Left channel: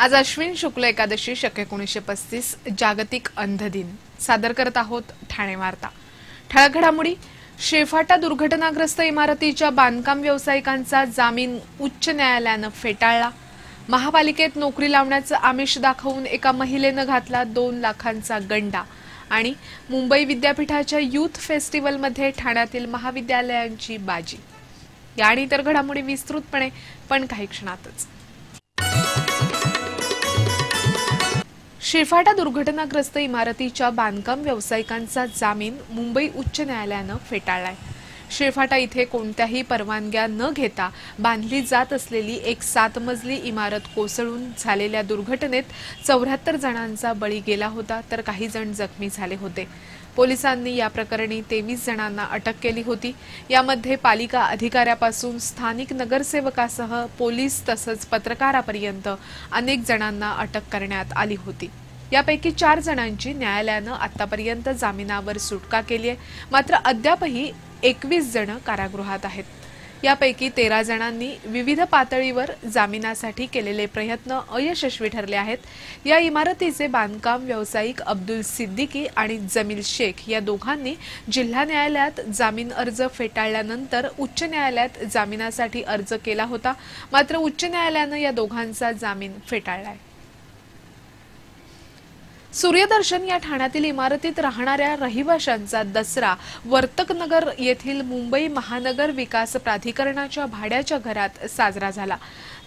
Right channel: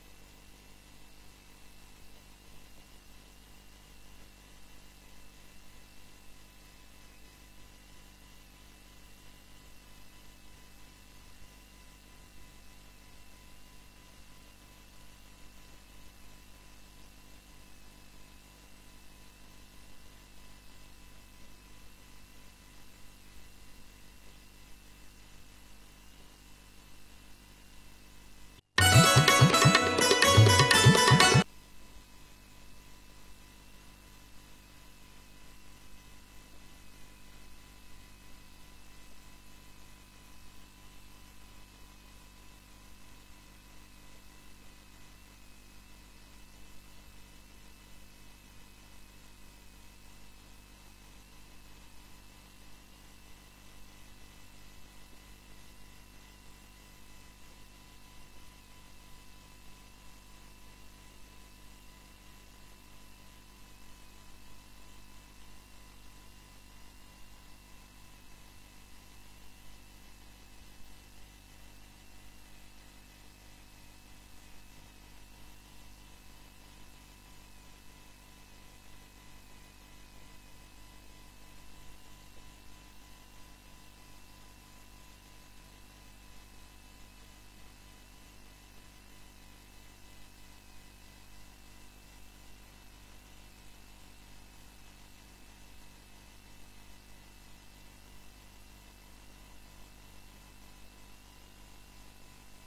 आज अश्विन शुक्ल एकादशी शके 1935 जागतिक अंध दिन सादर करत आहोत ठाणे वार्ता। ठळक घडामोडी। शेफाटा दुर्घटनाग्रस्त इमारतीच्या बांधकाम व्यावसायिकांचा जामीन उच्च न्यायालयाने फेटाळला। महापालिकेत नोकरी लावण्याचं आमिष दाखवून एका महिलेने घातला 2 लाखांचा गंडा आणि मुंबई विद्यापीठाच्या यूथ फेस्टिवलमध्ये ठाण्यातील महाविद्यालयांची बाजी। या आणि इतर घडामोडी विस्तृतपणे पण काही क्षणातच। शेफाटा दुर्घटनाग्रस्त इमारतीच्या बांधकाम व्यावसायिकांचा जामीन मुंबई उच्च न्यायालयाने फेटाळलाय। शेफाटा इथे कोणत्याही परवानग्या न घेता बांधली जात असलेली एक 7 मजली इमारत कोसळून झालेल्या दुर्घटनेत 74 जणांचा बळी गेला होता, तर काही जण जखमी झाले होते। पोलिसांनी या प्रकरणी 23 जणांना अटक केली होती। यामध्ये पालिका अधिकाऱ्यापासून स्थानिक नगरसेवकासह पोलीस तसंच पत्रकारापर्यंत अनेक जणांना अटक करण्यात आली होती। यापैकी 4 जणांची न्यायालयाने आतापर्यंत जामिनावर सुटका केली आहे, मात्र अद्यापही 21 जण कारागृहात आहेत। यापैकी 13 जणांनी विविध पातळीवर जामिनासाठी केलेले प्रयत्न अयशस्वी ठरले आहेत। या इमारतीचे बांधकाम व्यावसायिक अब्दुल सिद्दीकी आणि जमील शेख या दोघांनी जिल्हा न्यायालयात जामीन अर्ज फेटाळल्यानंतर उच्च न्यायालयात जामिनासाठी अर्ज केला होता, मात्र उच्च न्यायालयाने या दोघांचा जामीन फेटाळलाय। सूर्यदर्शन या ठाण्यातील इमारतीत राहणाऱ्या रहिवाशांचा दसरा वर्तकनगर येथील मुंबई महानगर विकास प्राधिकरणाच्या भाड्याच्या घरात साजरा झाला।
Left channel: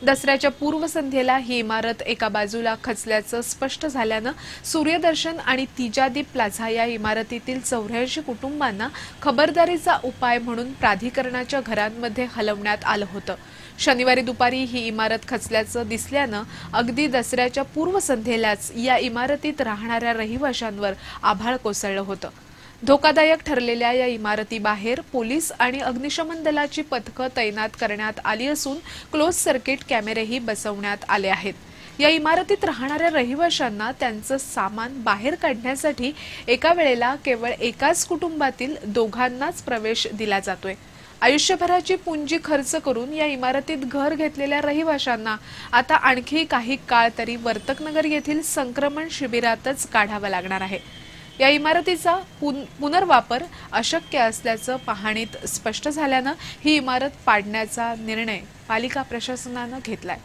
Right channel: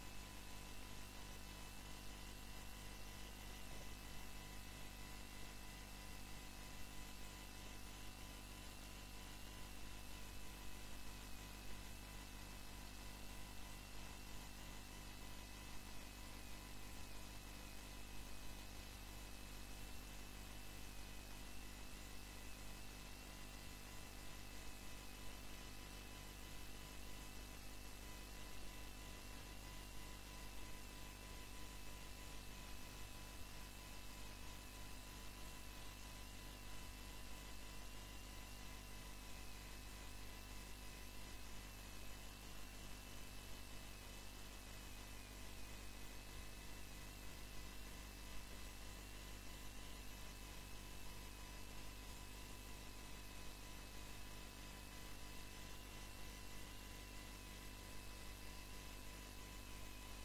दसऱ्याच्या पूर्वसंध्येला ही इमारत एका बाजूला खचल्याचं स्पष्ट झाल्यानं सूर्यदर्शन आणि तिजादीप प्लाझा या इमारतीतील 84 कुटुंबांना खबरदारीचा उपाय म्हणून प्राधिकरणाच्या घरांमध्ये हलवण्यात आलं होतं। शनिवारी दुपारी ही इमारत खचल्याचं दिसल्यानं अगदी दसऱ्याच्या पूर्वसंध्येलाच या इमारतीत राहणाऱ्या रहिवाशांवर आभाळ कोसळलं होतं। धोकादायक ठरलेल्या या इमारतीबाहेर पोलीस आणि अग्निशमन दलाची पथकं तैनात करण्यात आली असून क्लोज सर्किट कॅमेरेही बसवण्यात आले आहेत। या इमारतीत राहणाऱ्या रहिवाशांना त्यांचं सामान बाहेर काढण्यासाठी एका वेळेला केवळ एकाच कुटुंबातील दोघांनाच प्रवेश दिला जातोय। आयुष्यभराची पुंजी खर्च करून या इमारतीत घर घेतलेल्या रहिवाशांना आता आणखी काही काळ तरी वर्तकनगर येथील संक्रमण शिबिरातच काढावा लागणार आहे। या इमारतीचा पुनर्वापर अशक्य असल्याचं पाहणीत स्पष्ट झाल्यानं ही इमारत पाडण्याचा निर्णय पालिका प्रशासनाने घेतलाय।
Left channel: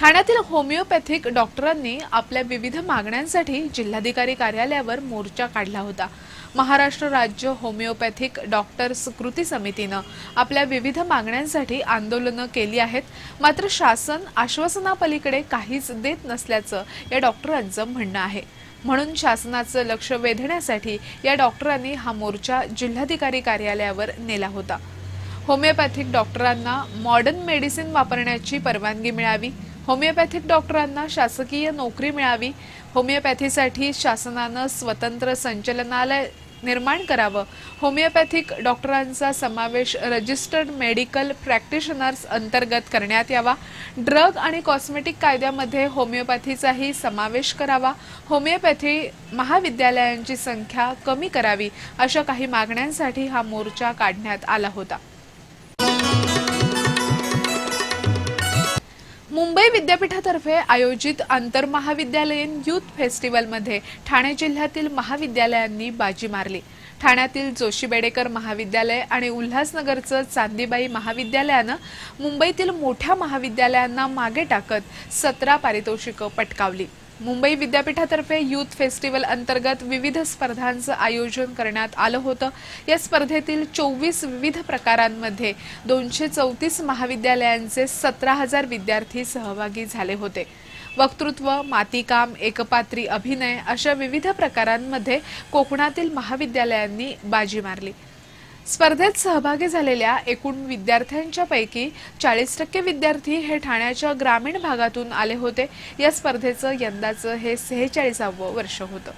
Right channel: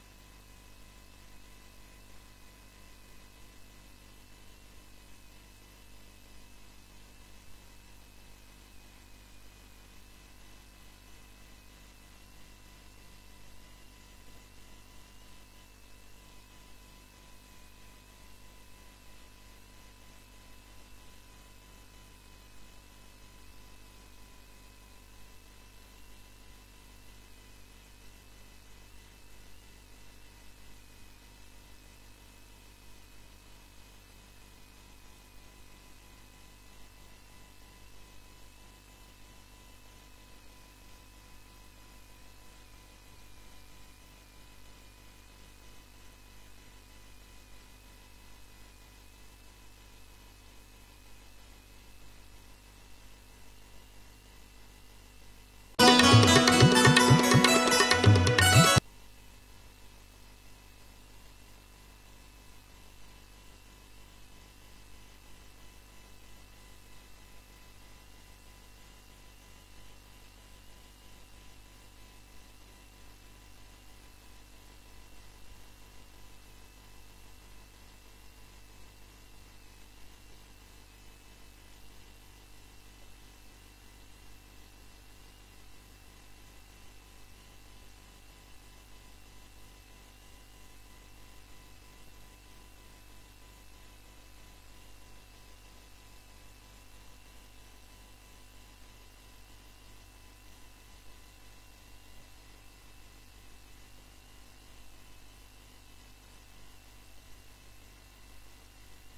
ठाण्यातील होमिओपॅथिक डॉक्टरांनी आपल्या विविध मागण्यांसाठी जिल्हाधिकारी कार्यालयावर मोर्चा काढला होता। महाराष्ट्र राज्य होमिओपॅथिक डॉक्टर्स कृती समितीने आपल्या विविध मागण्यांसाठी आंदोलनं केली आहेत, मात्र शासन आश्वासनापलीकडे काहीच देत नसल्याचं या डॉक्टरांचं म्हणणं आहे। म्हणून शासनाचं लक्ष वेधण्यासाठी या डॉक्टरांनी हा मोर्चा जिल्हाधिकारी कार्यालयावर नेला होता। होमिओपॅथिक डॉक्टरांना मॉडर्न मेडिसिन वापरण्याची परवानगी मिळावी, होमिओपॅथिक डॉक्टरांना शासकीय नोकरी मिळावी, होमिओपॅथीसाठी शासनाने स्वतंत्र संचालनालय निर्माण करावं, होमिओपॅथिक डॉक्टरांचा समावेश रजिस्टर्ड मेडिकल प्रॅक्टिशनर्स अंतर्गत करण्यात यावा, ड्रग आणि कॉस्मेटिक कायद्यामध्ये होमिओपॅथीचाही समावेश करावा, होमिओपॅथी महाविद्यालयांची संख्या कमी करावी, अशा काही मागण्यांसाठी हा मोर्चा काढण्यात आला होता। मुंबई विद्यापीठातर्फे आयोजित आंतरमहाविद्यालयीन यूथ फेस्टिवलमध्ये ठाणे जिल्ह्यातील महाविद्यालयांनी बाजी मारली। ठाण्यातील जोशी बेडेकर महाविद्यालय आणि उल्हासनगरचं चांदीबाई महाविद्यालयानं मुंबईतील मोठ्या महाविद्यालयांना मागे टाकत 17 पारितोषिकं पटकावली। मुंबई विद्यापीठातर्फे यूथ फेस्टिवल अंतर्गत विविध स्पर्धांचं आयोजन करण्यात आलं होतं। या स्पर्धेतील 24 विविध प्रकारांमध्ये 234 महाविद्यालयांचे 17,000 विद्यार्थी सहभागी झाले होते। वक्तृत्व, मातीकाम, एकपात्री अभिनय अशा विविध प्रकारांमध्ये कोकणातील महाविद्यालयांनी बाजी मारली। स्पर्धेत सहभागी झालेल्या एकूण विद्यार्थ्यांच्या पैकी 40% विद्यार्थी हे ठाण्याच्या ग्रामीण भागातून आले होते। या स्पर्धेचं यंदाचं हे 46वं वर्ष होतं।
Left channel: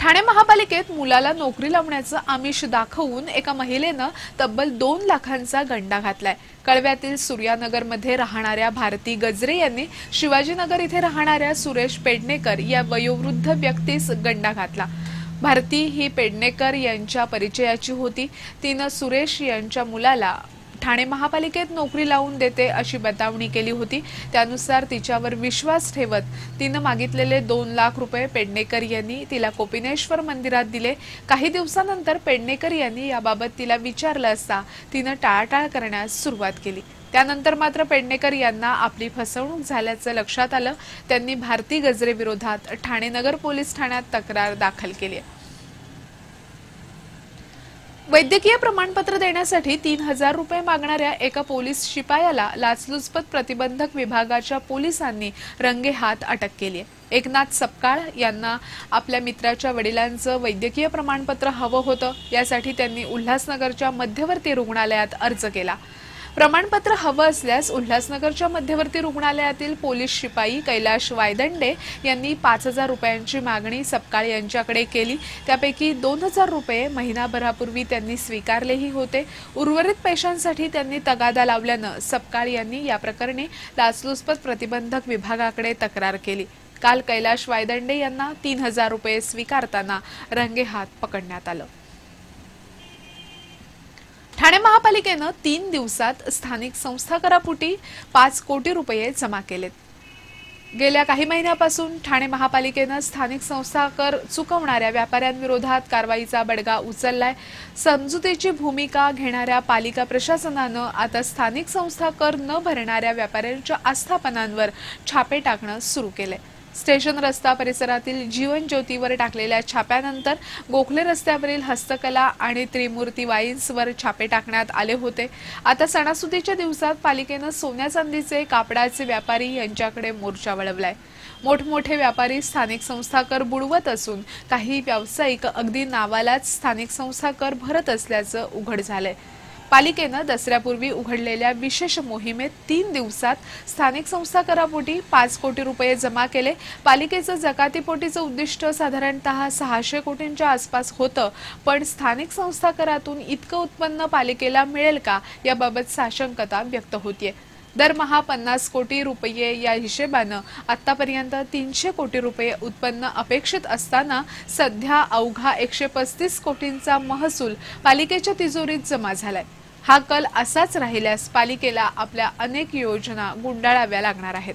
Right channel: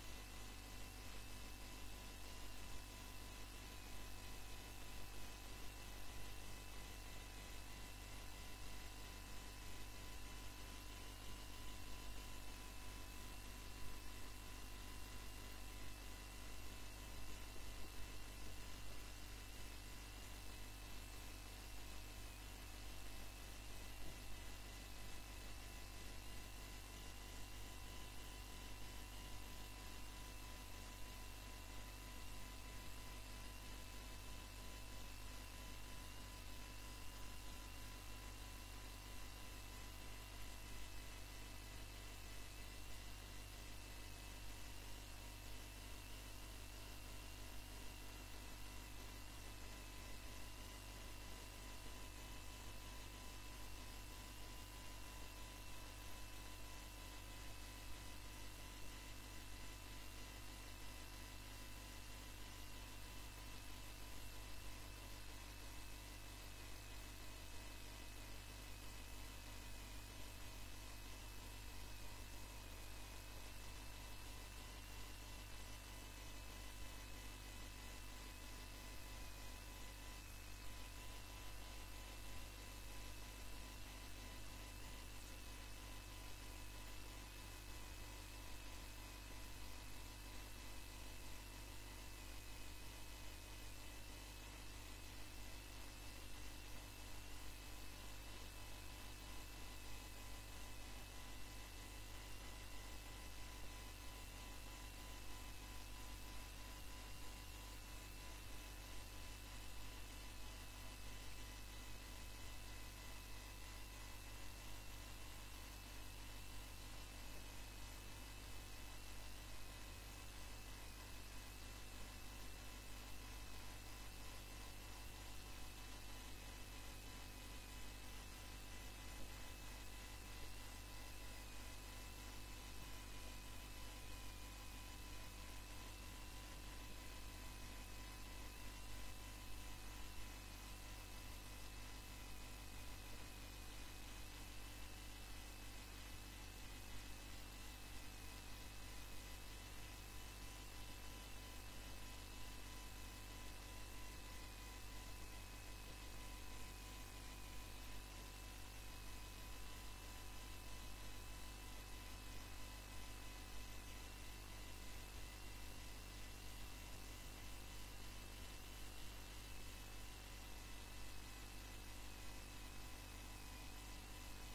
ठाणे महापालिकेत मुलाला नोकरी लावण्याचं आमिष दाखवून एका महिलेनं तब्बल 2 लाखांचा गंडा घातलाय। कळव्यातील सूर्यानगरमध्ये राहणाऱ्या भारती गजरे यांनी शिवाजीनगर इथे राहणाऱ्या सुरेश पेडणेकर या वयोवृद्ध व्यक्तीस गंडा घातला। भारती ही पेडणेकर यांच्या परिचयाची होती। तिनं सुरेश यांच्या मुलाला ठाणे महापालिकेत नोकरी लावून देते अशी बतावणी केली होती। त्यानुसार तिच्यावर विश्वास ठेवत तिने मागितलेले 2 लाख रुपये पेडणेकर यांनी तिला कोपिनेश्वर मंदिरात दिले। काही दिवसानंतर पेडणेकर यांनी याबाबत तिला विचारलं असता तिने टाळाटाळ करण्यास सुरुवात केली। त्यानंतर मात्र पेडणेकर यांना आपली फसवणूक झाल्याचं लक्षात आलं। त्यांनी भारती गजरे विरोधात ठाणे नगर पोलीस ठाण्यात तक्रार दाखल केली आहे। वैद्यकीय प्रमाणपत्र देण्यासाठी 3000 रुपये मागणाऱ्या एका पोलीस शिपायाला लाचलुचपत प्रतिबंधक विभागाच्या पोलिसांनी रंगेहात अटक केली आहे। एकनाथ सपकाळ यांना आपल्या मित्राच्या वडिलांचं वैद्यकीय प्रमाणपत्र हवं होतं। यासाठी त्यांनी उल्हासनगरच्या मध्यवर्ती रुग्णालयात अर्ज केला। प्रमाणपत्र हवं असल्यास उल्हासनगरच्या मध्यवर्ती रुग्णालयातील पोलीस शिपाई कैलाश वायदंडे यांनी 5000 रुपयांची मागणी सपकाळ यांच्याकडे केली। त्यापैकी 2000 रुपये महिनाभरापूर्वी त्यांनी स्वीकारलेही होते। उर्वरित पैशांसाठी त्यांनी तगादा लावल्यानं सपकाळ यांनी या प्रकरणी लाचलुचपत प्रतिबंधक विभागाकडे तक्रार केली। काल कैलाश वायदंडे यांना 3000 रुपये स्वीकारताना रंगेहात पकडण्यात आलं। ठाणे महापालिकेनं 3 दिवसात स्थानिक संस्था करापोटी 5 कोटी रुपये जमा केलेत। गेल्या काही महिन्यापासून ठाणे महापालिकेनं स्थानिक संस्था कर चुकवणाऱ्या व्यापाऱ्यांविरोधात कारवाईचा बडगा उचललाय। समजुतीची भूमिका घेणाऱ्या पालिका प्रशासनानं आता स्थानिक संस्था कर न भरणाऱ्या व्यापाऱ्यांच्या आस्थापनांवर छापे टाकणं सुरू केलंय। स्टेशन रस्ता परिसरातील जीवन ज्योतीवर टाकलेल्या छाप्यानंतर गोखले रस्त्यावरील हस्तकला आणि त्रिमूर्ती वाईन्सवर छापे टाकण्यात आले होते। आता सणासुदीच्या दिवसात पालिकेनं सोन्या चांदीचे कापडाचे व्यापारी यांच्याकडे मोर्चा वळवलाय। मोठमोठे व्यापारी स्थानिक संस्था कर बुडवत असून काही व्यावसायिक अगदी नावालाच स्थानिक संस्था कर भरत असल्याचं उघड झालंय। पालिकेनं दसऱ्यापूर्वी उघडलेल्या विशेष मोहिमेत 3 दिवसात स्थानिक संस्था करापोटी 5 कोटी रुपये जमा केले। पालिकेचं जकातीपोटीचं उद्दिष्ट साधारणतः 600 कोटींच्या आसपास होतं, पण स्थानिक संस्था करातून इतकं उत्पन्न पालिकेला मिळेल का याबाबत साशंकता व्यक्त होतीये। दरमहा 50 कोटी रुपये या हिशेबानं आतापर्यंत 300 कोटी रुपये उत्पन्न अपेक्षित असताना सध्या अवघा 135 कोटींचा महसूल पालिकेच्या तिजोरीत जमा झालाय। हा कल असाच राहिल्यास पालिकेला आपल्या अनेक योजना गुंडाळाव्या लागणार आहेत।